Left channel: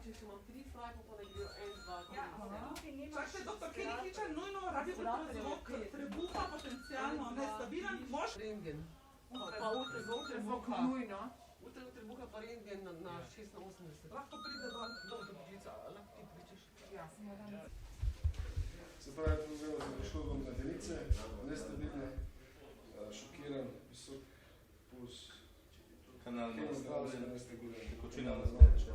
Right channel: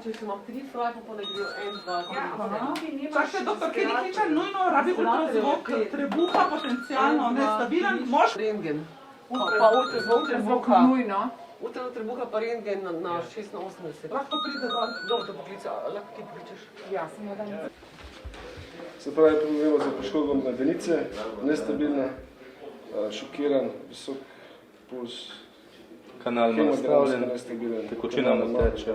Če se imam 3 frajpa, pa ne grejo 1, 2, 3. Čakaj, doktor Kenikiča, nujno rabi ultrazvok trebuha, potencialno nestabilen, mož? Rentgen. Pa ultrazvok trebuha. Nujno. Ultrazvok trebuha pa rentgen na 6 na 80. Lahko pride dol. Dobro, te poklica, lahko ti pokličeš. Ja, samo da. Se pravi, pomembno za poškodbo medenice, nestabilna, šokiran, visok puls, Kanal ima nastavljen, tekočina mu teče.